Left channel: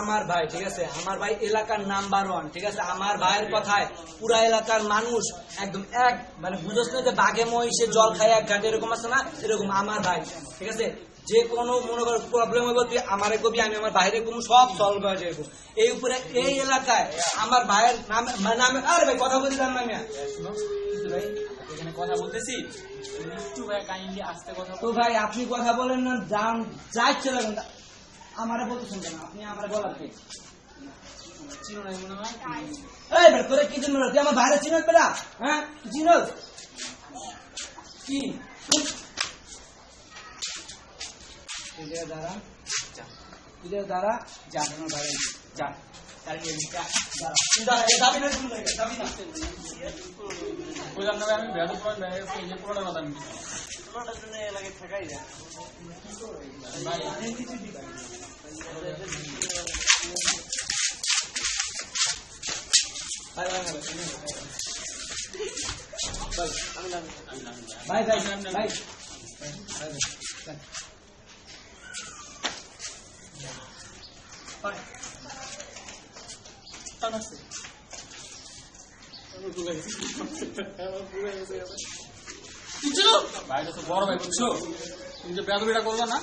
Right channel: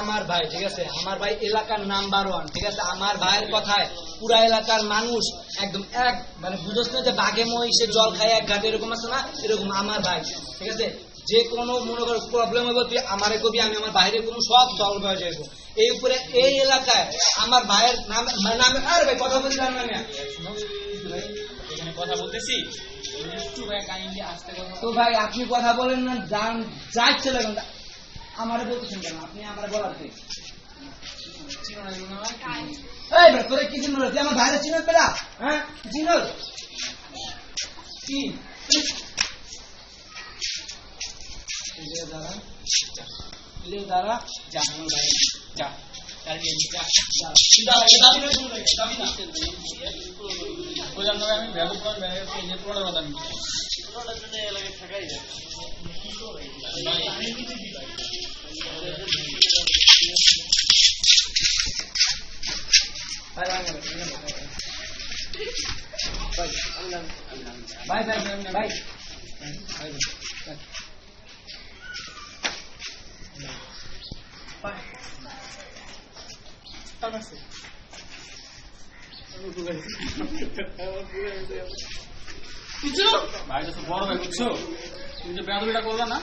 আমার ভাই ঠিক আছে, আমার ভাই এলাকার নাম্বার 1 ঠিক আছে। আমার ভাইয়ের কথায় পুরা এলাকার মানুষ একদম এক মানে বুঝছ না যে বাঘে মহিষে জল খায় এক ঘাটে এরকম আছে না, এরকম আমার ভাই ঠিক আছে। যে কোনো মনে করো প্রবলেম হইব তুই আমারে কবি, আমি আমার বাইরে কোনো সব সলভ হয়ে যাবো। এই উপরে এই এলাকায় আমার ভাইয়ের নামে আরে ভাই কথা বলতে জান না এখানে কথা বলতেছি একটু ভাই কাইন্ডলি আস্তে কথা তো ভাই আপনি কথা বলেন না, যান যাইছে লাগুন আমারে বলতেছেন কেন? আপনি আমারে বলার কি চিনো না মনে হয়। এই ভাই তোরে কি চিনল? তুই আমার বাইরে চিনল পেলা? হ্যাঁ চিনল কি? তুই দাঁড়া যা তুই দাঁড়া যা আমার ভাই যা কালকে যা দাঁড়া এই দাবি না শুনলে দাবি না বললাম না ভাই আমি বেয়াদব করে বেরিয়ে গেছি এই পুরোটা কথা আমি পুরোটার জন্য এলাকায় থাকাই যায় ভাই ভাই ভাই ভাই আমি না ভাই ভাই ভাই ভাই টান আছে আমার ভুলে গেছে ভাই তো বড় ভাই বুঝছো, তুমি যে বেয়াদবিটা করলো না